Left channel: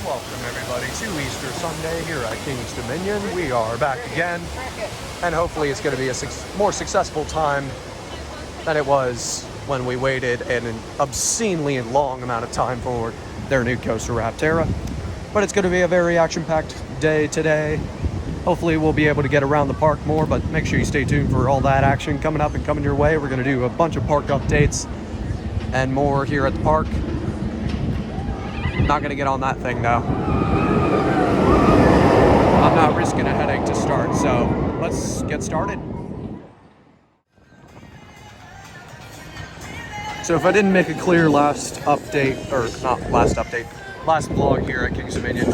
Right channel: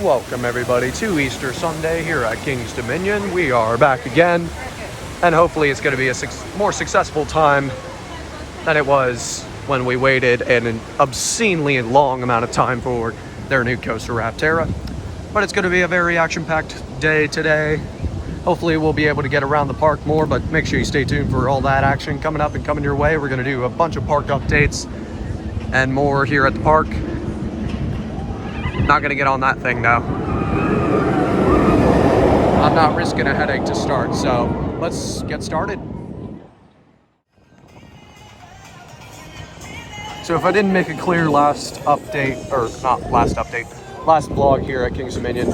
Welcome everybody to Easter Sunday here at King's Dominion. We are back again, and hopefully it's going to be a more successful time than it was when we waited an obscenely long amount of time for their new coaster Rapterra. But it's going to be a very action-packed day today. Hopefully we'll be able to get around the park more, but make sure you stay tuned for all that action coming up and coming your way. We're going to do a bunch of park updates and more here at the park. Not gonna get on that thing though. I'm not risking a headache to start, so let's get started. So if I didn't make it clear last update, or not last update, last vlog here at King's Dominion,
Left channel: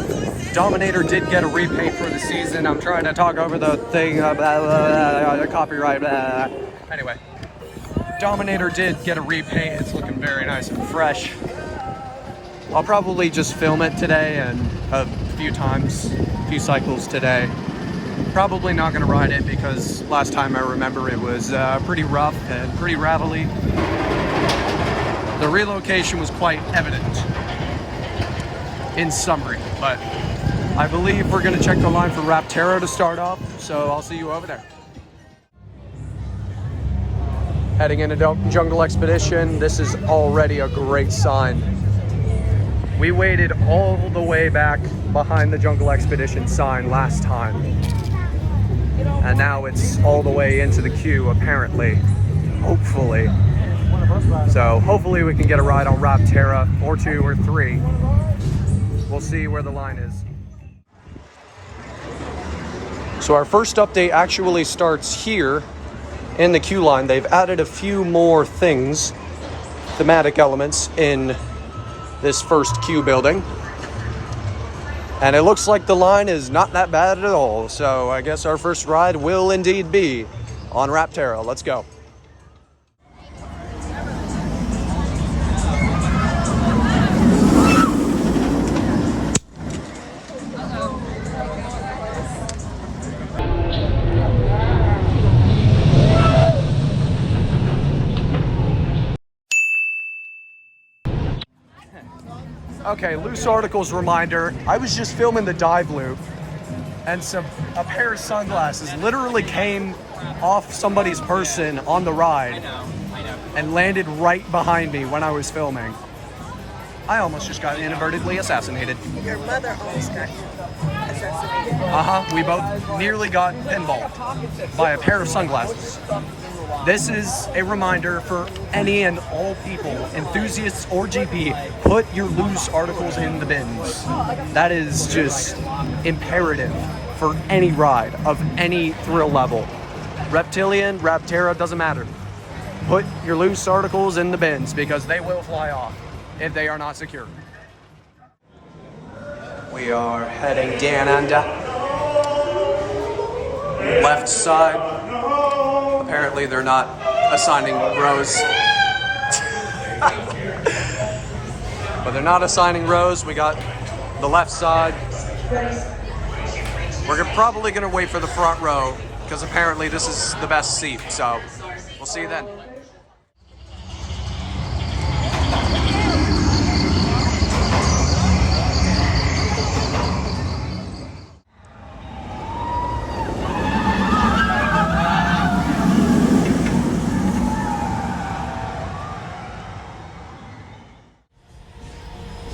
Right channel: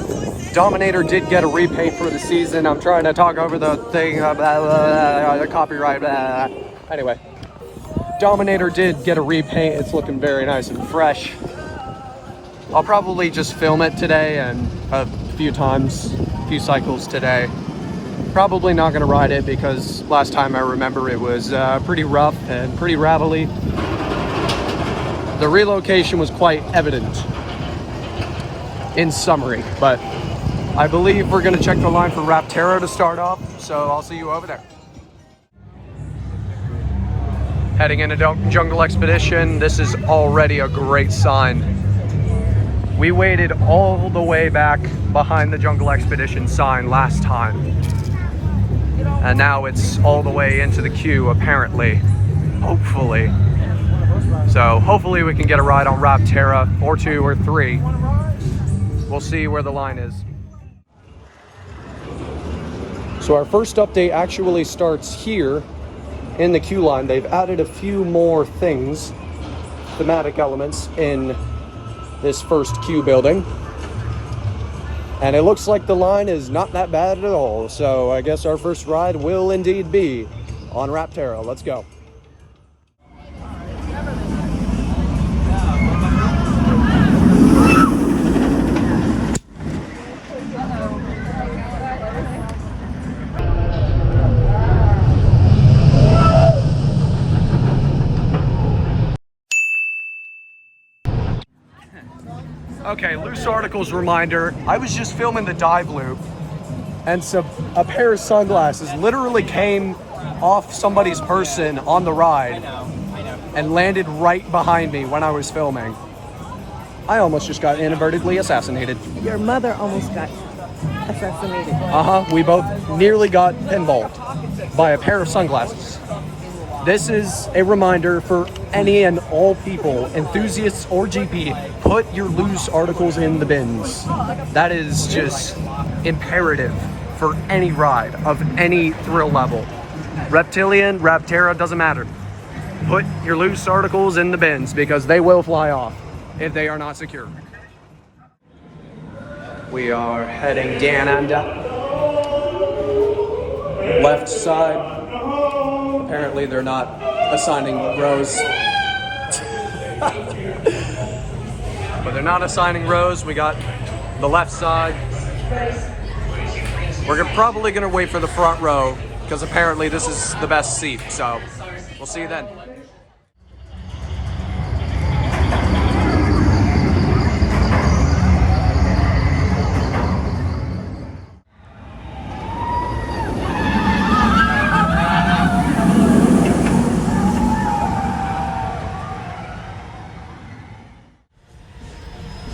Dominator did get a repaint for the season. I'm trying to talk over the thing, the copyright, Anyway, Dominator did get a repaint. It's looking very nice and fresh. I'll probably just film it today and a few cycles today. Probably not going to ride it because last time I remember it was pretty rough and pretty rattly. The relocation was quite evident in summary, but I believe we're going to check the line for Rapterra to start off, so I'll see you over there. Heading into Jungle Expedition, this is already a great sign. We waited all the way back behind the Jungle Expedition sign last time. And now it's all the way into the queue, apparently. Hopefully. So hopefully we can get a ride on Rapterra, or 2 or 3. We'll see where the line is. So our first update actually starts here in the queue line. They've added a few more things, thematic elements, in this first queue building, and it looks like the line is not that bad at all, so I guess our first ride will indeed be on Rapterra. Let's go. Okay, loose articles reminder. I was just filming the dive loop, and so a pair of sunglasses literally came off somebody's person on the ride and landed right behind me when I was filming. I almost just got inadvertently assassinated. Your mother almost got assassinated. We both nearly got pinballed by a pair of sunglasses. This is a reminder for any and all people, enthusiasts or GP, put your loose articles in the bins. That is just imperative for any ride of any thrill level. Reptilian, Rapterra, doesn't matter. Put your loose articles in the bins because they will fly off if they are not secure. We are heading down under. Left side. Apparently they're not assigning rows. But they're not assigning rows. We got the left side. We're probably gonna wait for the front row because apparently this is the best seat. So we'll see you then.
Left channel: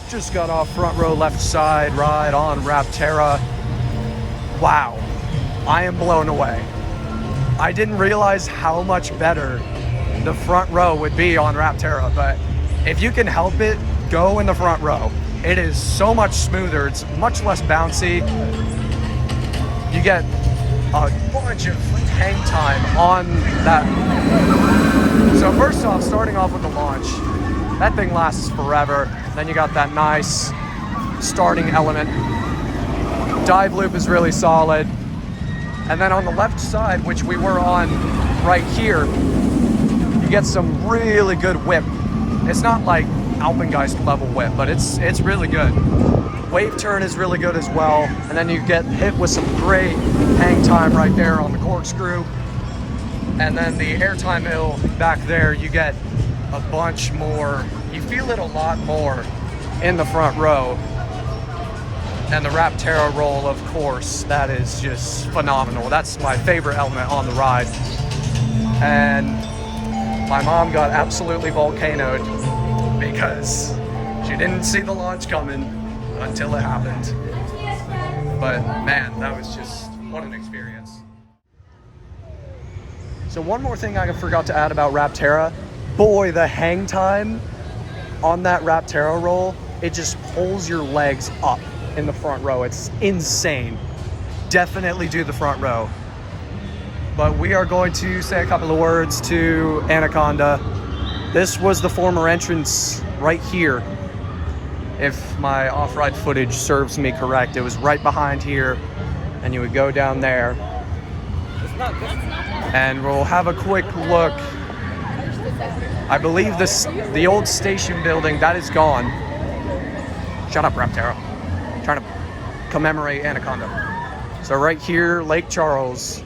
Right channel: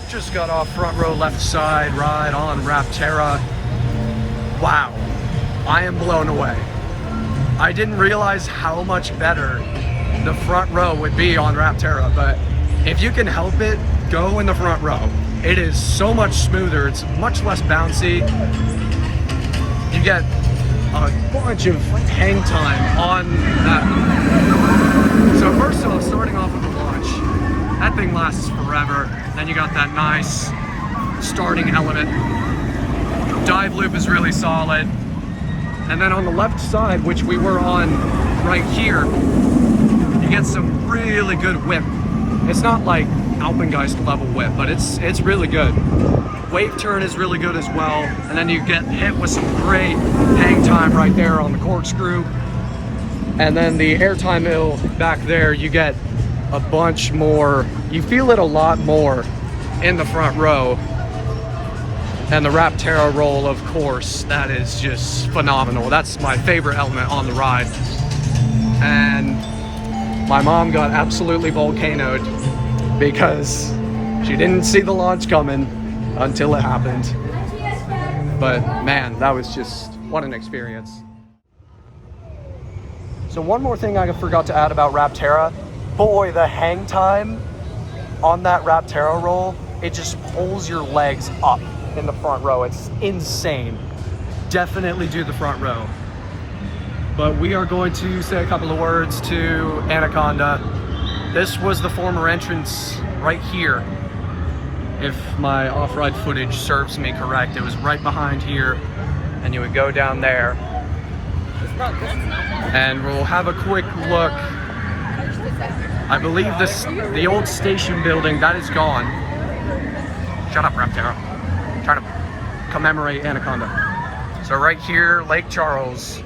Just got off front row left side ride on Rapterra. Wow, I am blown away. I didn't realize how much better the front row would be on Rapterra, but if you can help it, go in the front row. It is so much smoother, it's much less bouncy. You get a bunch of hang time on that. So first off, starting off with the launch, that thing lasts forever. Then you got that nice starting element. Dive loop is really solid. And then on the left side, which we were on right here, you get some really good whip. It's not like Alpengeist level whip, but it's really good. Wave turn is really good as well. And then you get hit with some great hang time right there on the corkscrew. And then the airtime hill back there, you get a bunch more. You feel it a lot more in the front row. And the Rapterra roll, of course, that is just phenomenal. That's my favorite element on the ride. And my mom got absolutely volcanoed because she didn't see the launch coming until it happened. But man, that was just, what an experience. So one more thing I forgot to add about Rapterra. Boy, the hang time on that Rapterra roll, it just pulls your legs up in the front row. It's insane. Definitely do the front row. But we are going to say a couple of words to Anaconda. This was the former entrance right here. If my off-ride footage serves me correct, it was right behind here, and you would go down there. And we'll have a quick look. I believe the old station building, that is gone. Shut up, Rapterra. I'm trying to commemorate Anaconda. So right here, Lake Charles.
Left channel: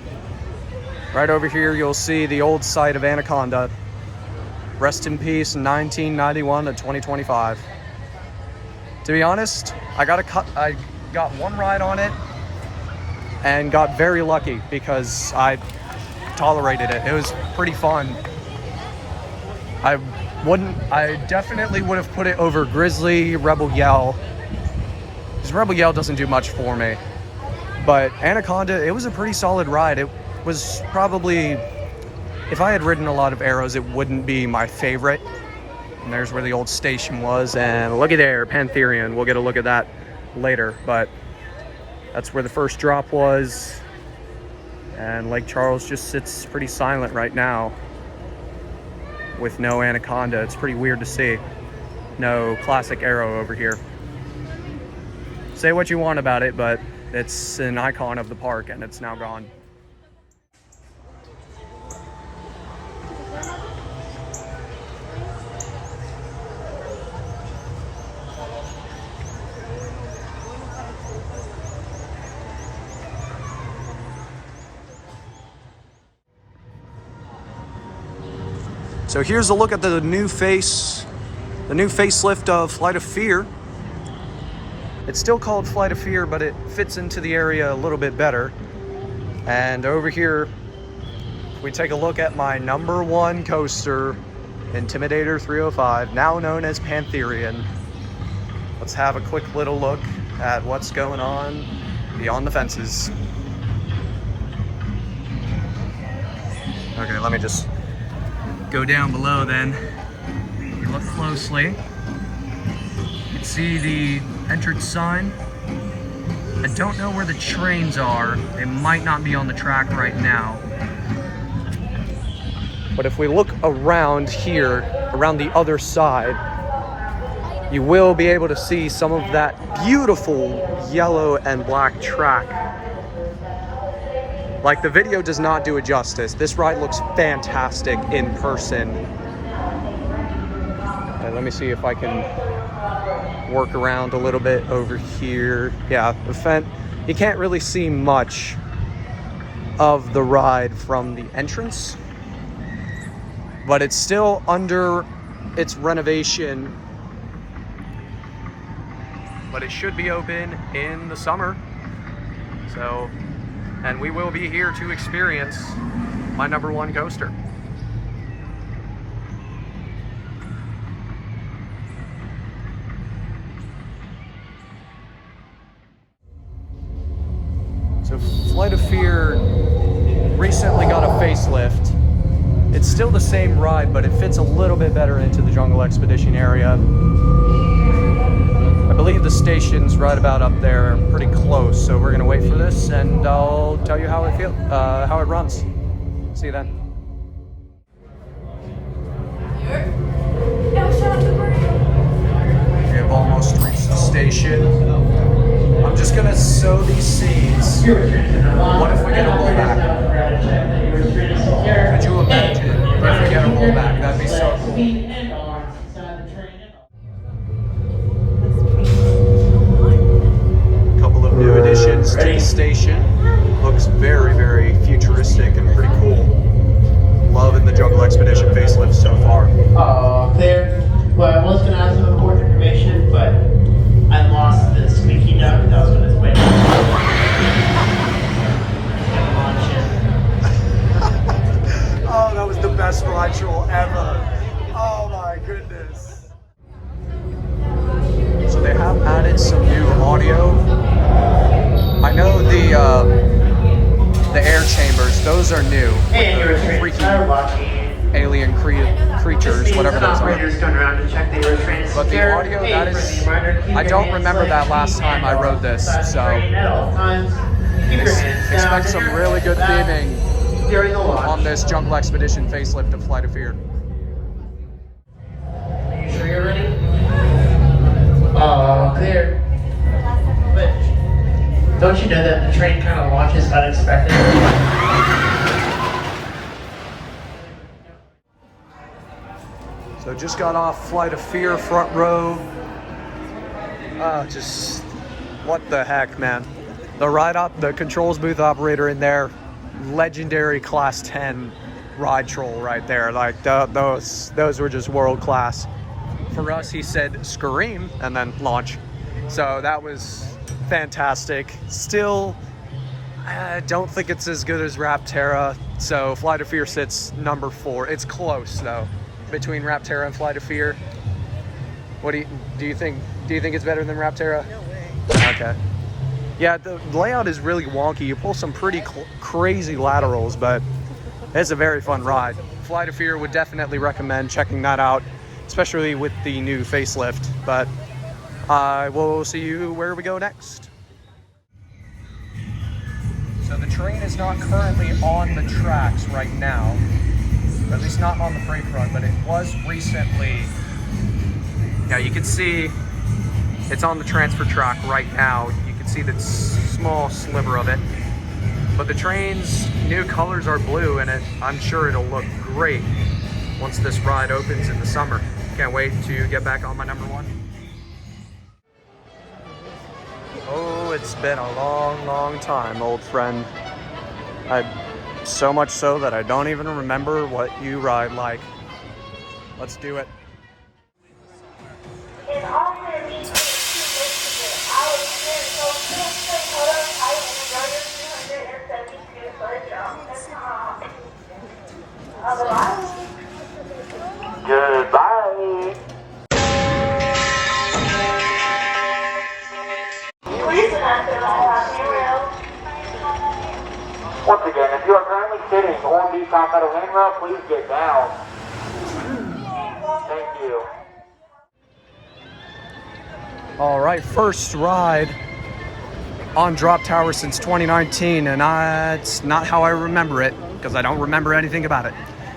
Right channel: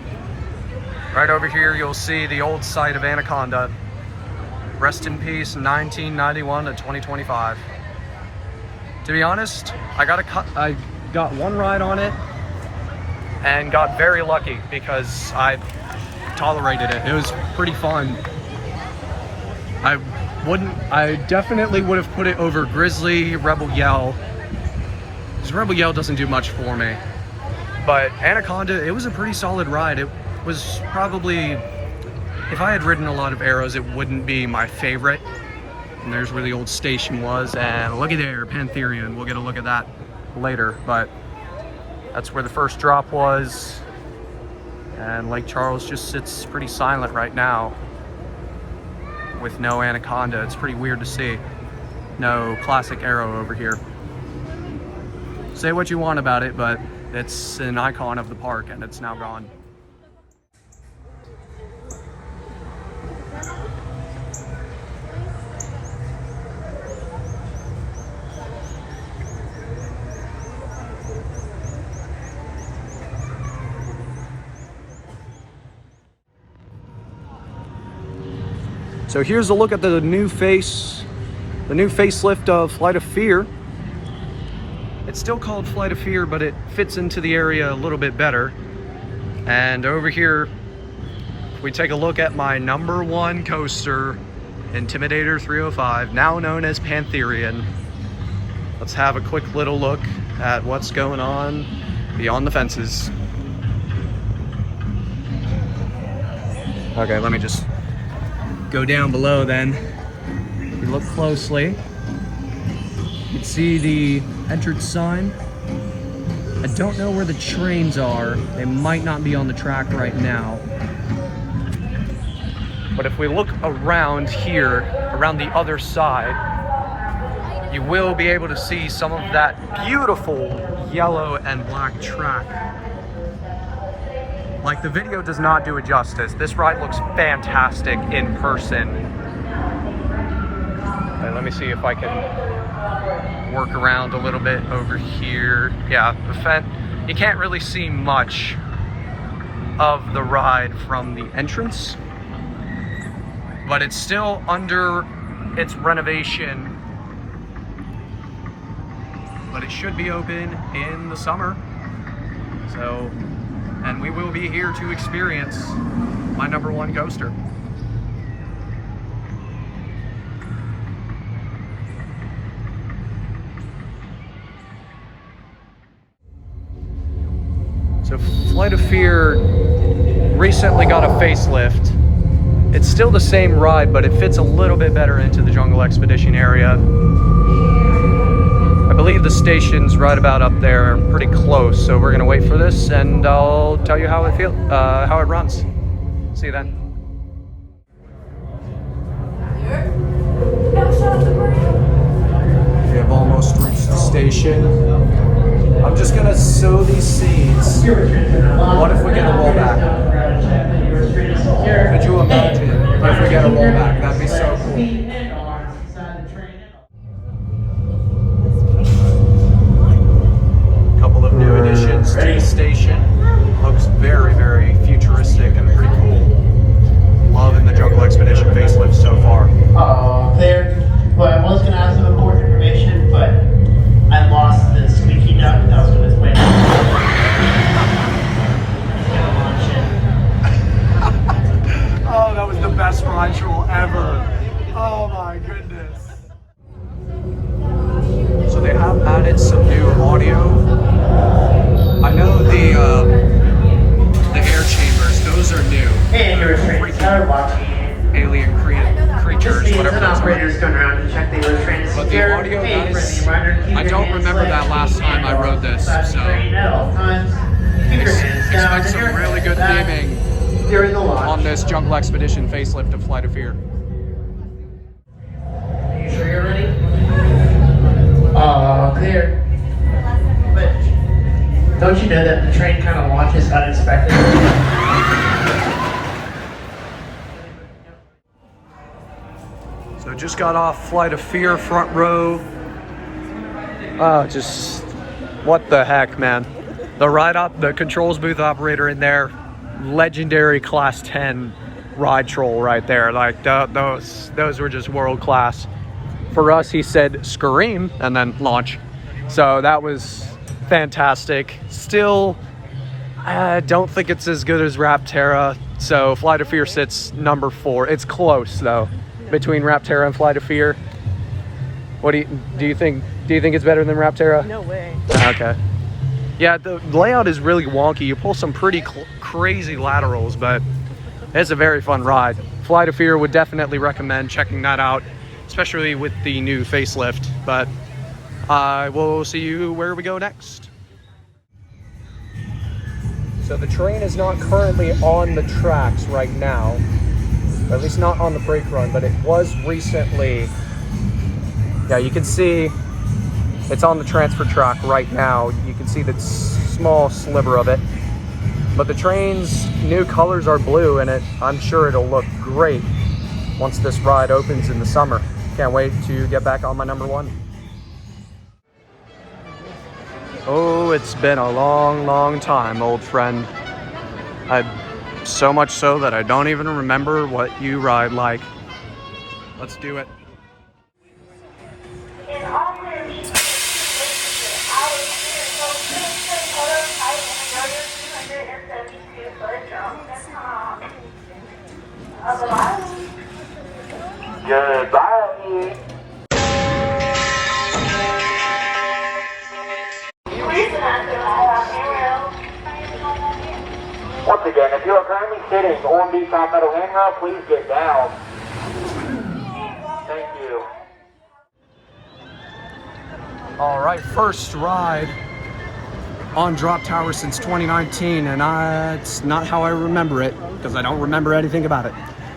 Right over here, you'll see the old site of Anaconda. Rest in peace, 1991 to 2025. To be honest, I got one ride on it and got very lucky because I tolerated it. It was pretty fun. I definitely would have put it over Grizzly, Rebel Yell. Because Rebel Yell doesn't do much for me. But Anaconda, it was a pretty solid ride. It was probably, if I had ridden a lot of arrows, it wouldn't be my favorite. And there's where the old station was, and look at there, Pantherian. We'll get a look at that later, but that's where the first drop was. And Lake Charles just sits pretty silent right now with no Anaconda. It's pretty weird to see. No classic arrow over here. Say what you want about it, but it's an icon of the park, and it's now gone. So here's a look at the new facelift of Flight of Fear. It's still called Flight of Fear, but it fits into the area a little bit better. And over here, we take a look at my #1 coaster, Intimidator 305, now known as Pantherian. Let's have a quick little look at what's going on beyond the fences. Okay, let me just go down below then. If you look closely, you can see the entrance sign. I don't know where the trains are. They might not be on the track right now. But if we look around here, around the other side, you will be able to see some of that beautiful yellow and black track. Like, the video does not do it justice. This ride looks fantastic in person. And let me see if I can work around a little bit over here. Yeah, you can't really see much of the ride from the entrance, but it's still under its renovation. But it should be open in the summer. So, and we will be here to experience my #1 coaster. So Flight of Fear recently got a facelift. It's still the same ride, but it fits a little bit better into the Jungle Expedition area. I believe the station's right about up there, pretty close. So we're gonna wait for this, and I'll tell you how it runs. See you then. We have almost reached the station. I'm just gonna sow these seeds. What if we get a rollback? Could you imagine if we get a rollback? That'd be so cool. New additions to the station. Looks very, very futuristic and pretty cool. Loving the Jungle Expedition facelift so far. There. Well, I was going to ask some important information, but I lost the squeaky duck that was I don't remember that last time I rode this, so expect some really good theming on this Jungle Expedition facelift of Flight of Fear. You sure you're ready? Clear. But don't you know that the train kind of launches unexpectedly? So just got off Flight of Fear front row. Just what the heck, man. The controls booth operator in there, legendary class 10 ride troll right there. Like those were just world class. For us, he said scream and then launch. So that was fantastic. Still, I don't think it's as good as Rapterra. So Flight of Fear sits number 4. It's close though, between Rapterra and Flight of Fear. What do you think? Do you think it's better than Rapterra? No way. Okay. Yeah, the layout is really wonky. You pull some pretty crazy laterals, but it's a very fun ride. Flight of Fear would definitely recommend checking that out, especially with the new facelift. But we'll see you where we go next. So the train is not currently on the tracks right now, or at least not on the brake run, but it was recently. Yeah, you can see it's on the transfer track right now. You can see that small sliver of it. But the train's new colors are blue, and I'm sure it'll look great once this ride opens in the summer. Can't wait to get back on my number 1. Oh, it's been a long, long time, old friend. So much so that I don't even remember what you ride like. Let's do it. Goodbye. Once again, if you are currently sitting on the top metal handrail, please get down. Thank you. All right, first ride on Drop Tower since 2019, and it's not how I remember it, because I don't remember anything about it.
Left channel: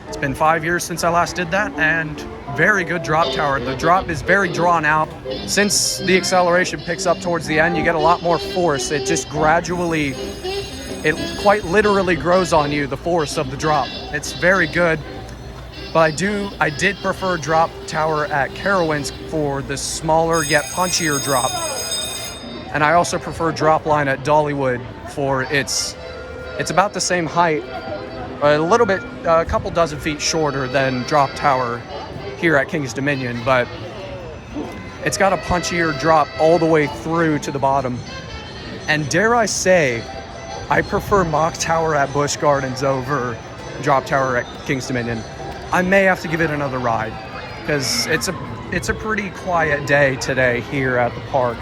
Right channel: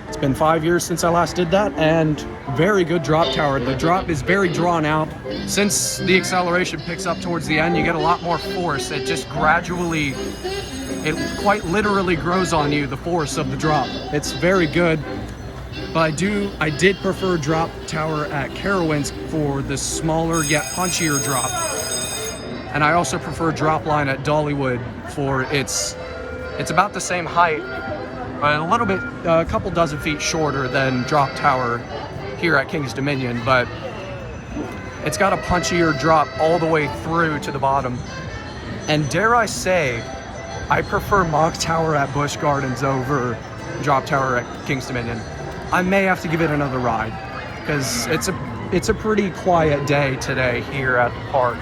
It's been 5 years since I last did that, and very good drop tower. The drop is very drawn out. Since the acceleration picks up towards the end, you get a lot more force. It just gradually, it quite literally grows on you, the force of the drop. It's very good, but I did prefer drop tower at Carowinds for the smaller yet punchier drop. And I also prefer drop line at Dollywood for it's about the same height, a couple dozen feet shorter than drop tower here at King's Dominion, but it's got a punchier drop all the way through to the bottom. And dare I say, I prefer mock tower at Busch Gardens over drop tower at King's Dominion. I may have to give it another ride, because it's a pretty quiet day today here at the park.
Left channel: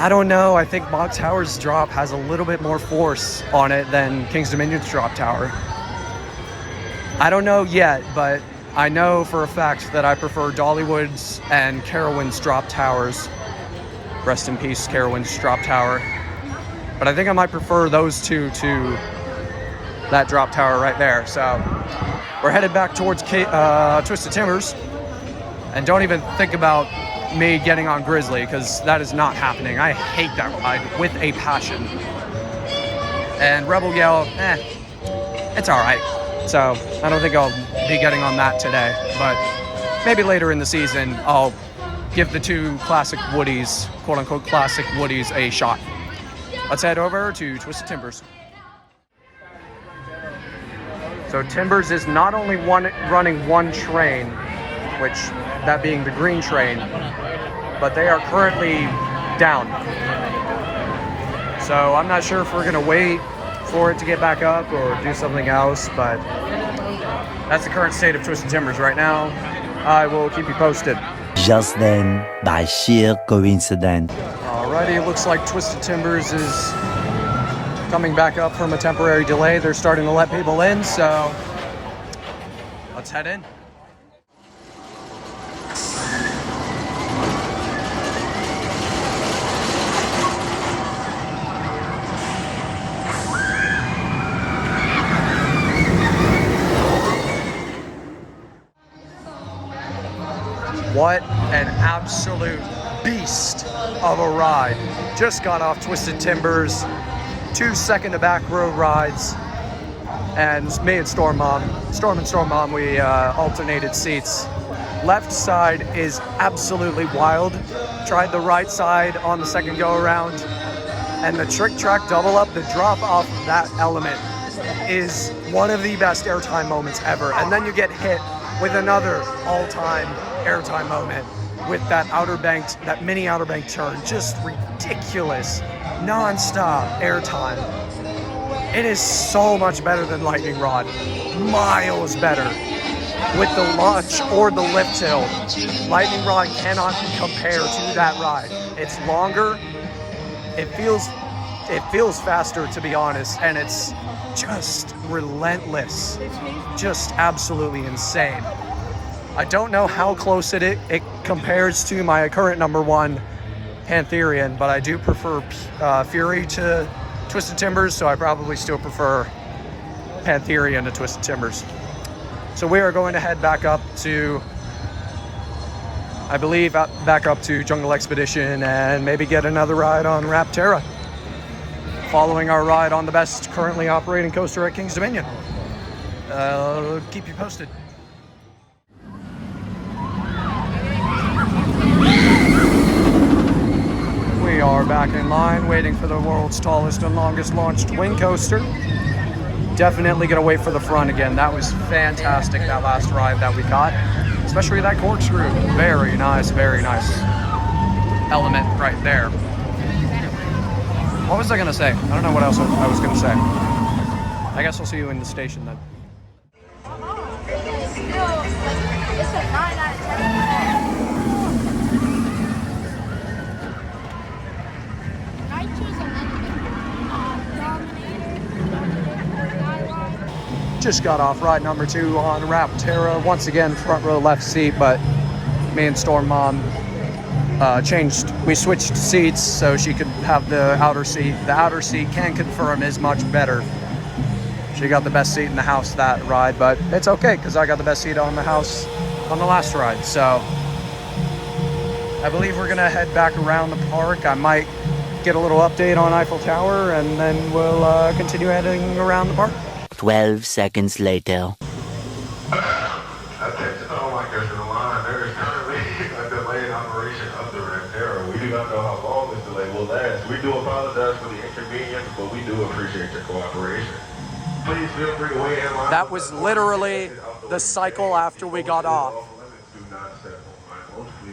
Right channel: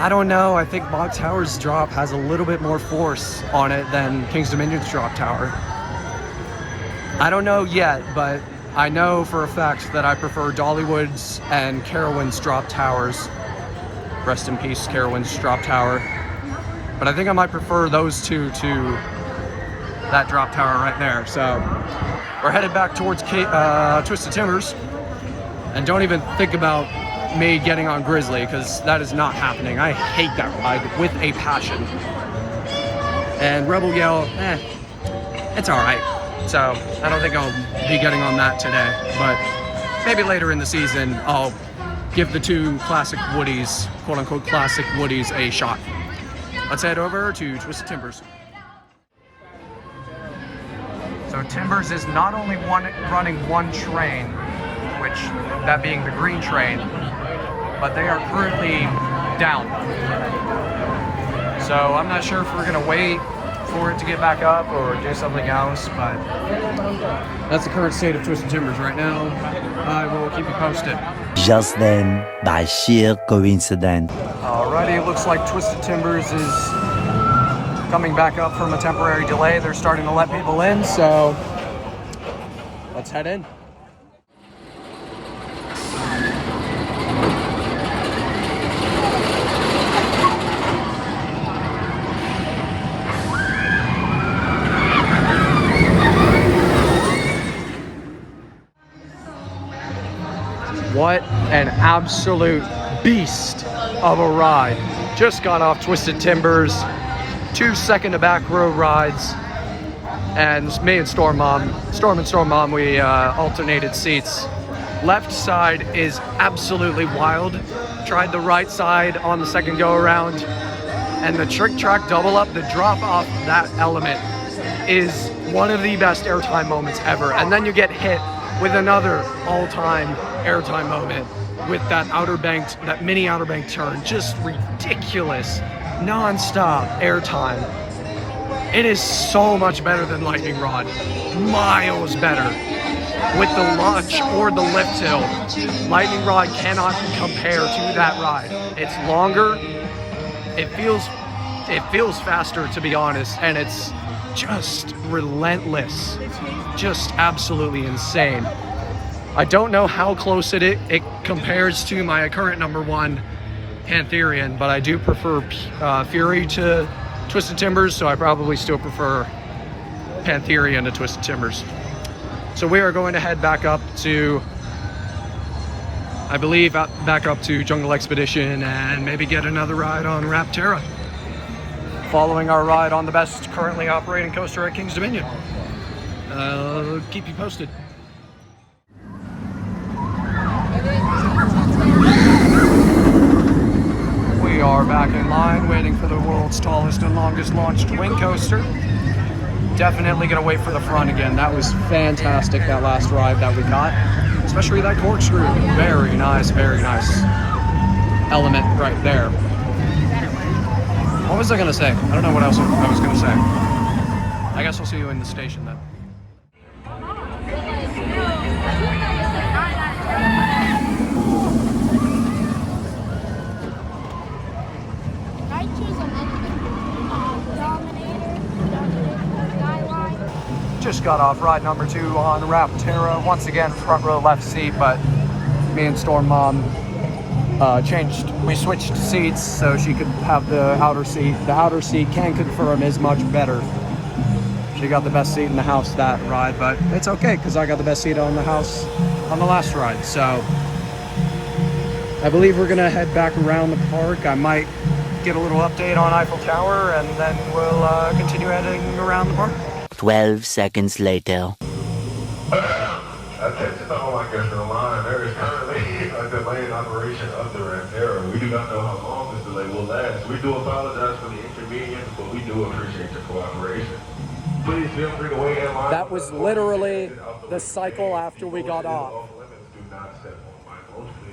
I don't know, I think mock tower's drop has a little bit more force on it than King's Dominion's drop tower. I don't know yet, but I know for a fact that I prefer Dollywood's and Carowinds drop towers. Rest in peace, Carowinds drop tower. But I think I might prefer those two to that drop tower right there. So we're headed back towards Twisted Timbers, and don't even think about me getting on Grizzly, because that is not happening. I hate that ride with a passion. And Rebel Yell, it's all right. So I don't think I'll be getting on that today, but maybe later in the season I'll give the two classic Woodies, quote unquote classic Woodies, a shot. Let's head over to Twisted Timbers. So Timbers is not only running one train, which that being the green train, but they are currently down. So I'm not sure if we're gonna wait for it to get back up or do something else, but that's the current state of Twisted Timbers right now. I will keep you posted. Just then, by sheer coincidence. Already it looks like Twisted Timbers is coming back up from a temporary delay. They're starting to let people in, so let's head in. an absolute beast of a ride. Just got off Twisted Timbers, 2 second to back road rides, and me and Storm and Storm Mom, we alternated seats. Left side is absolutely wild. Tried the right side on the second go around, and the trick track double up, the drop off of that element is one of the best airtime moments ever. And then you get hit with another all-time airtime moment with that that mini outer bank turn. Just ridiculous, non-stop airtime. It is so much better than Lightning Rod, miles better. With the launch or the lift hill, Lightning Rod cannot compare to that ride. It's longer, it feels faster, to be honest, and it's just relentless, just absolutely insane. I don't know how close it compares to my current #1 Pantherian, but I do prefer Fury to Twisted Timbers, so I probably still prefer Pantherian to Twisted Timbers. So we are going to head back up to, I believe, back up to Jungle Expedition and maybe get another ride on Rapterra, following our ride on the best currently operating coaster at King's Dominion. Keep you posted. We are back in line waiting for the world's tallest and longest launched wing coaster. Definitely gonna wait for the front again. That was fantastic, that last ride that we got, especially that corkscrew. Very nice element right there. What was I gonna say? I don't know what else I was gonna say. I guess we'll see you in the station then. I choose a little bit. Dominator, Just got off ride #2 on Rapterra. Once again, front row left seat, but me and Storm Mom we switched seats so she could have the outer seat. The outer seat, can confirm, is much better. She got the best seat in the house that ride, but it's okay because I got the best seat on the house on the last ride. So I believe we're gonna head back around the park. I might get a little update on Eiffel Tower, and then we'll continue heading around the park. 12 seconds later. That takes it all like us in the line. There is currently a delayed operation of the Rapterra. We do not know how long this delay will last. We do apologize for the inconvenience, but we do appreciate your cooperation. Please feel free to wait in line. That was literally the cycle after we got off.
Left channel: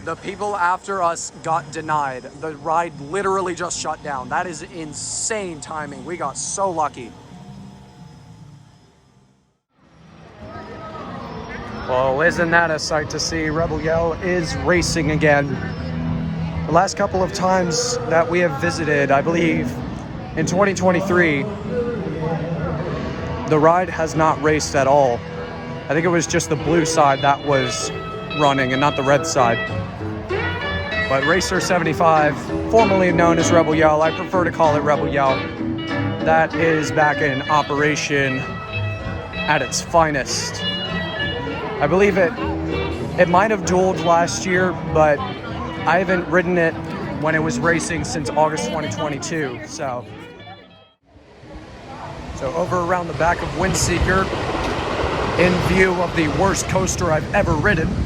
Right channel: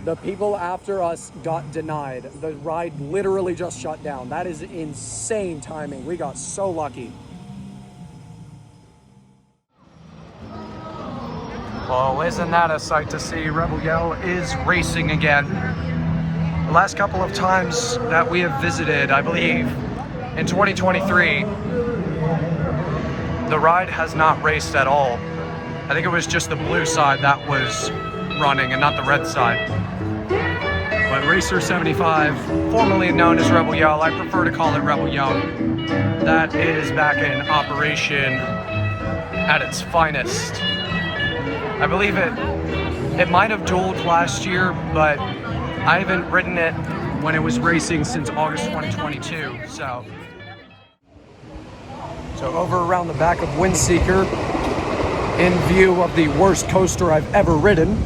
The people after us got denied. The ride literally just shut down. That is insane timing. We got so lucky. Well, isn't that a sight to see? Rebel Yell is racing again. The last couple of times that we have visited, I believe in 2023, the ride has not raced at all. I think it was just the blue side that was running and not the red side. But Racer 75, formerly known as Rebel Yell, I prefer to call it Rebel Yell, that is back in operation at its finest. I believe it might have dueled last year, but I haven't ridden it when it was racing since August 2022. So over around the back of Windseeker, in view of the worst coaster I've ever ridden,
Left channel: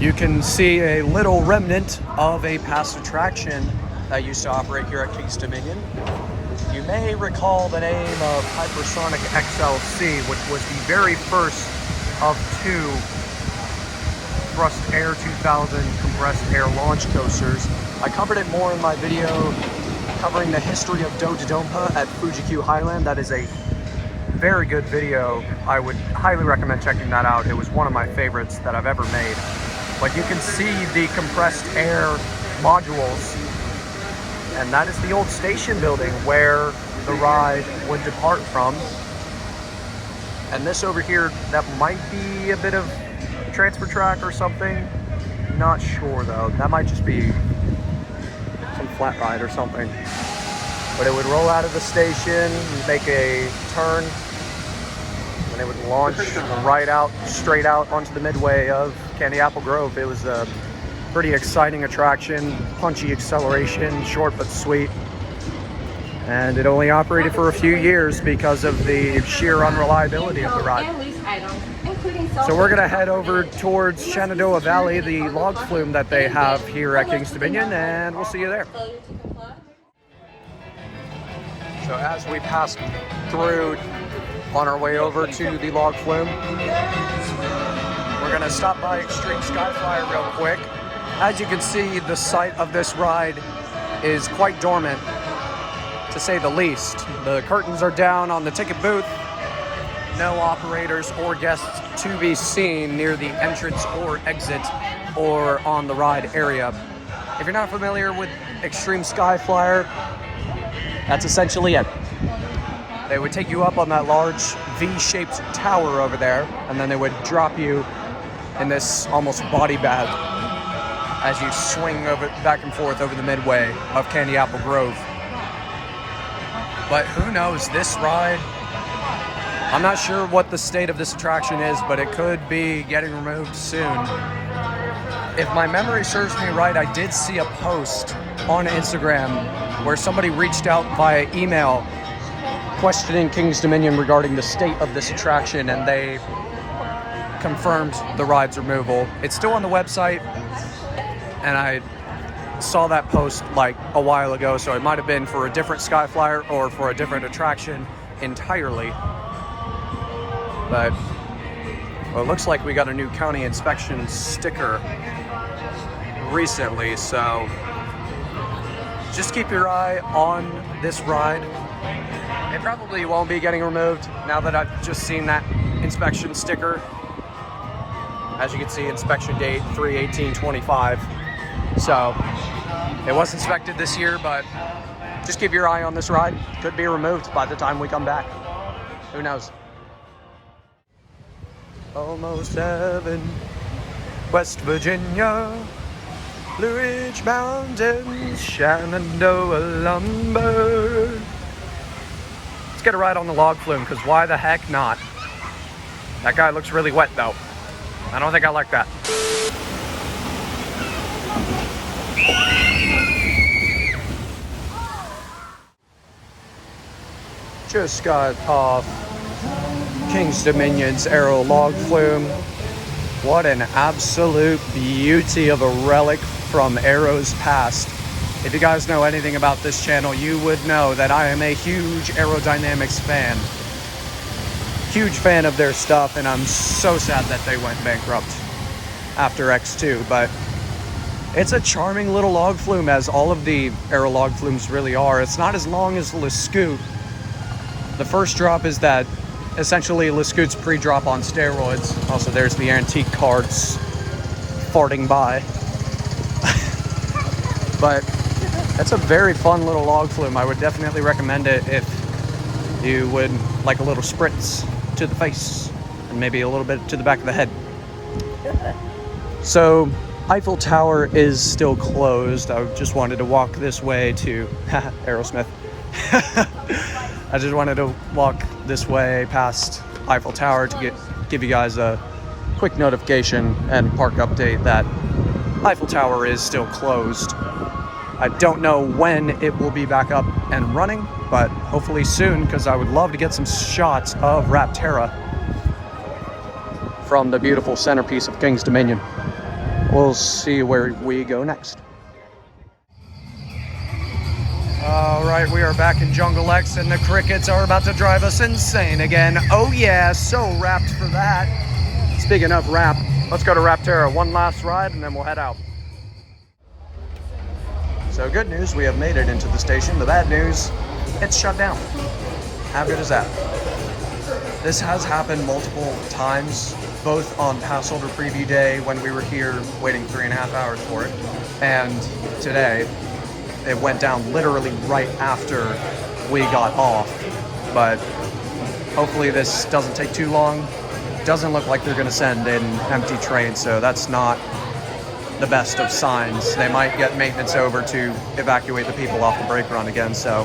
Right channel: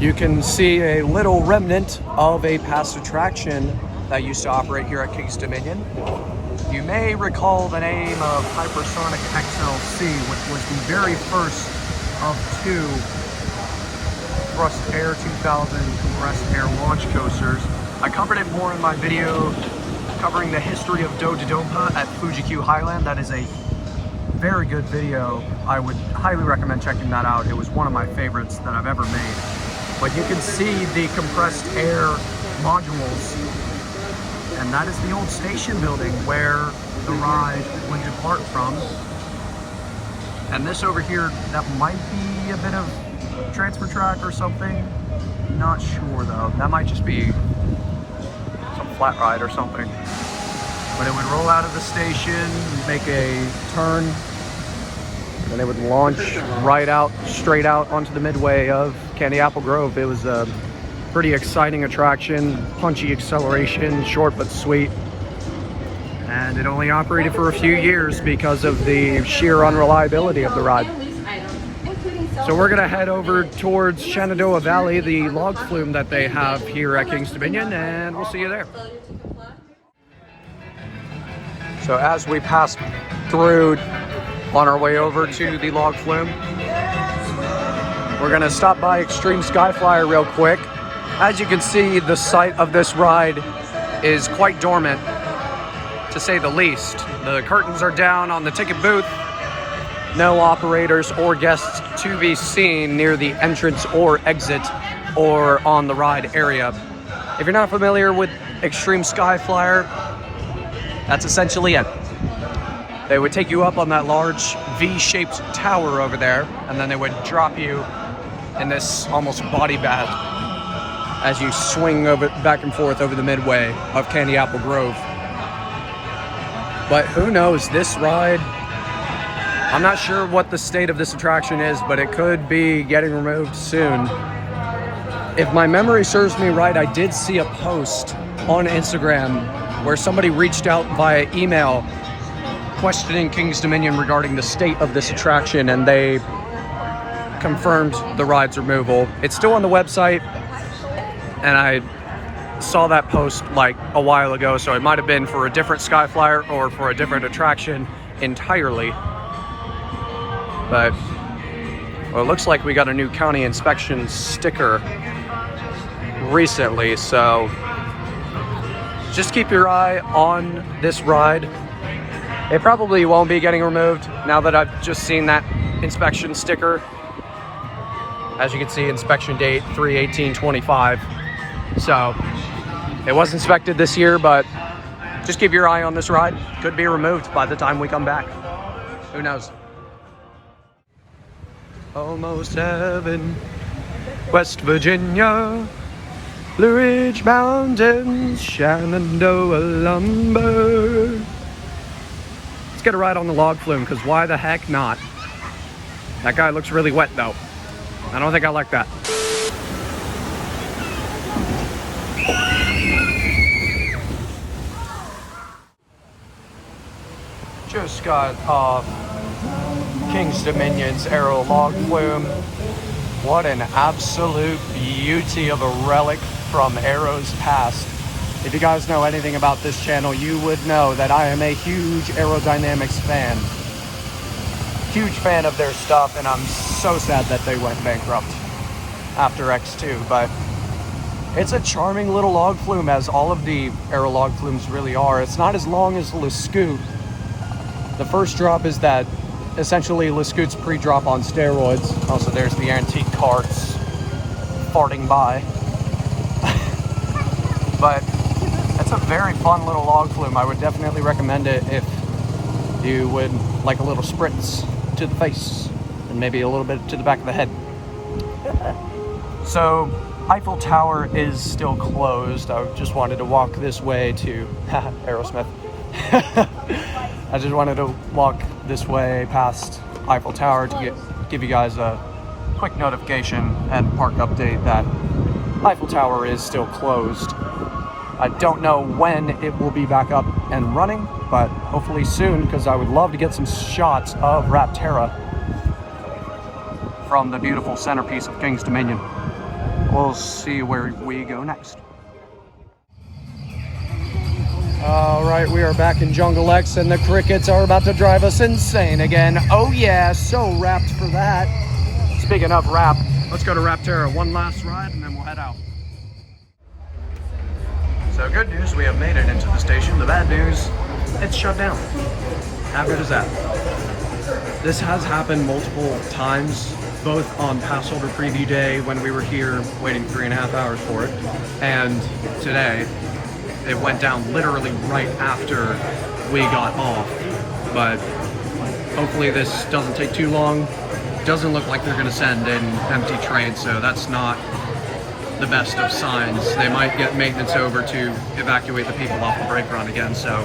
you can see a little remnant of a past attraction that used to operate here at King's Dominion. You may recall the name of Hypersonic XLC, which was the very first of 2 Thrust Air 2000 Thrust Air launch coasters. I covered it more in my video covering the history of Dominator at Fuji Q Highland. That is a very good video. I would highly recommend checking that out. It was one of my favorites that I've ever made. But you can see the compressed air modules, and that is the old station building where the ride would depart from. And this over here, that might be a bit of transfer track or something. Not sure though. That might just be some flat ride or something. But it would roll out of the station, make a turn, and they would launch right out, straight out onto the midway of Candy Apple Grove. It was a pretty exciting attraction, punchy acceleration, short but sweet. And it only operated for a few years because of the sheer unreliability of the ride. So we're gonna head over towards Shenandoah Valley, the log flume that they have here at Kings Dominion, and we'll see you there. So as we pass through on our way over to the log flume, we're gonna stop by Xtreme Skyflyer real quick. As you can see, the site of this ride is quite dormant, to say the least. The curtains are down on the ticket booth. No operators or guests to be seen near the entrance or exit or on the ride area. If you're not familiar with Xtreme Skyflyer, that's essentially it. They would take you up on that large V-shaped tower over there, and then they would drop you in this almost body bath as you swing over back and forth over the midway of Candy Apple Grove. But who knows, this ride, I'm not sure what the state of this attraction is, but it could be getting removed soon. If my memory serves me right, I did see a post on Instagram where somebody reached out via email questioning Kings Dominion regarding the state of this attraction, and they confirmed the ride's removal. It's still on the website, and I saw that post like a while ago, so it might have been for a different Skyflyer or for a different attraction entirely. But well, it looks like we got a new county inspection sticker recently, so just keep your eye on this ride. It probably won't be getting removed now that I've just seen that inspection sticker. As you can see, inspection date 3/18/25. So it was inspected this year, but just keep your eye on this ride. Could be removed by the time we come back. Who knows? Almost heaven, West Virginia, Blue Ridge Mountains, Shenandoah lumber. Let's get a ride on the log flume, because why the heck not? That guy looks really wet though. I don't think I like that. Just got off Kings Dominion's Aero log flume. What an absolute beauty of a relic from Aero's past. If you guys know anything about this channel, you would know that I am a huge aerodynamics fan. Huge fan of their stuff, and I'm so sad that they went bankrupt after X2, but it's a charming little log flume, as all of the Aero log flumes really are. It's not as long as LeScoot. The first drop is that essentially LeScoot's pre-drop on steroids. Also, there's the antique carts farting by. But that's a very fun little log flume. I would definitely recommend it if you would like a little spritz to the face and maybe a little bit to the back of the head. So Eiffel Tower is still closed. I just wanted to walk this way to Aerosmith. I just wanted to walk this way past Eiffel Tower to give you guys a quick notification and park update that Eiffel Tower is still closed. I don't know when it will be back up and running, but hopefully soon, because I would love to get some shots of Rapterra from the beautiful centerpiece of Kings Dominion. We'll see where we go next. Alright, we are back in Jungle X, and the crickets are about to drive us insane again. Oh yeah, so wrapped for that. Speaking of wrap, let's go to Rapterra. One last ride, and then we'll head out. So good news, we have made it into the station. The bad news, it's shut down. How good is that? This has happened multiple times, both on Passholder Preview Day when we were here waiting 3.5 hours for it, and today. It went down literally right after we got off, but hopefully this doesn't take too long. Doesn't look like they're going to send in empty trains, so that's not the best of signs. They might get maintenance over to evacuate the people off the brake run again, so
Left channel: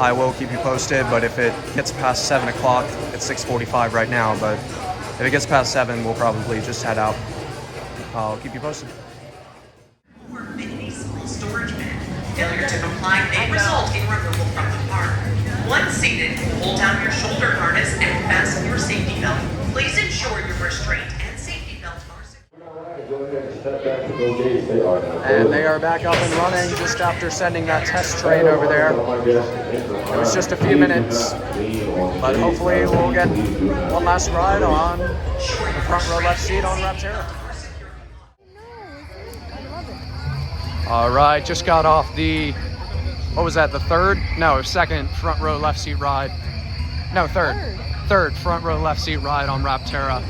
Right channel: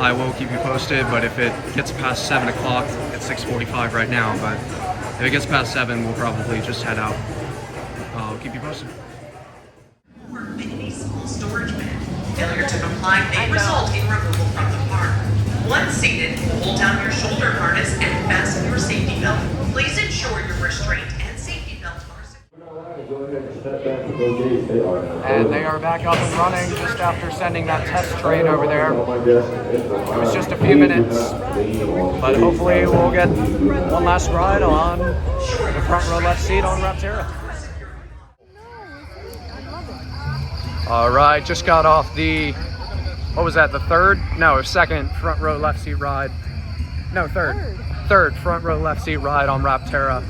I will keep you posted, but if it gets past 7 o'clock, it's 6:45 right now, but if it gets past 7, we'll probably just head out. I'll keep you posted. Mini small storage bin. Failure to comply may result in removal from the park. Once seated, hold down your shoulder harness and fasten your safety belt. Please ensure your restraint and safety belt are secure. And they are back up and running just after sending that test train over there. It's just a few minutes, but hopefully we'll get one last ride on the front row left seat on Rapterra. All right, just got off the, what was that, the third? No, second front row left seat ride. No, third front row left seat ride on Rapterra.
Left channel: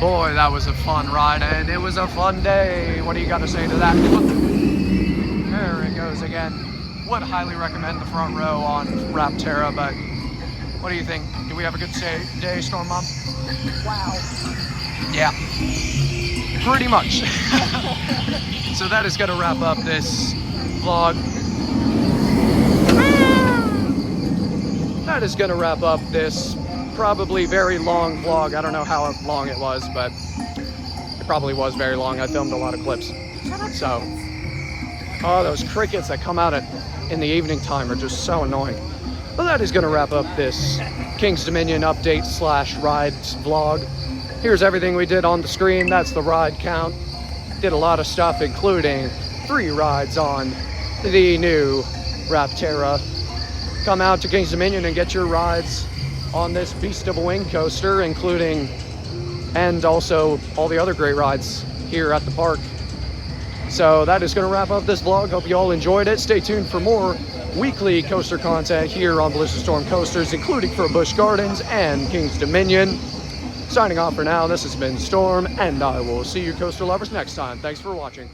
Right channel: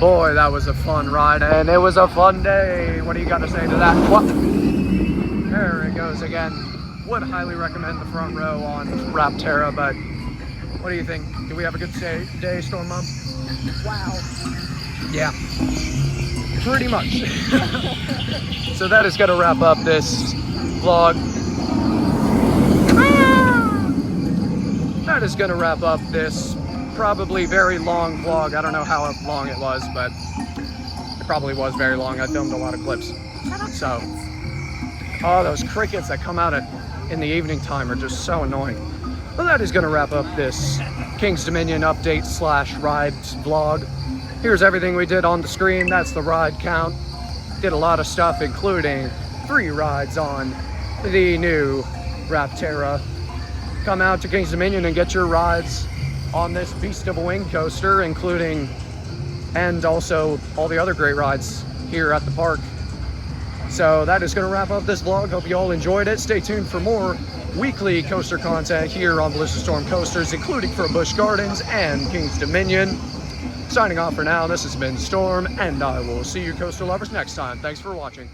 Boy, that was a fun ride, and it was a fun day. What do you got to say to that? What? There it goes again. Would highly recommend the front row on Rapterra, but what do you think? Did we have a good day, Storm Mom? Wow. Yeah, pretty much. So that is going to wrap up this vlog. That is going to wrap up this probably very long vlog. I don't know how long it was, but it probably was very long. I filmed a lot of clips. So, oh, those crickets that come out in the evening time are just so annoying. But that is going to wrap up this King's Dominion update / rides vlog. Here's everything we did on the screen. That's the ride count. Did a lot of stuff, including 3 rides on the new Rapterra. Come out to King's Dominion and get your rides on this beast of a wing coaster, including and also all the other great rides here at the park. So that is going to wrap up this vlog. Hope you all enjoyed it. Stay tuned for more weekly coaster content here on BliXXardStorm Coasters, including for Busch Gardens and King's Dominion. Signing off for now, this has been Storm, and I will see you coaster lovers next time. Thanks for watching.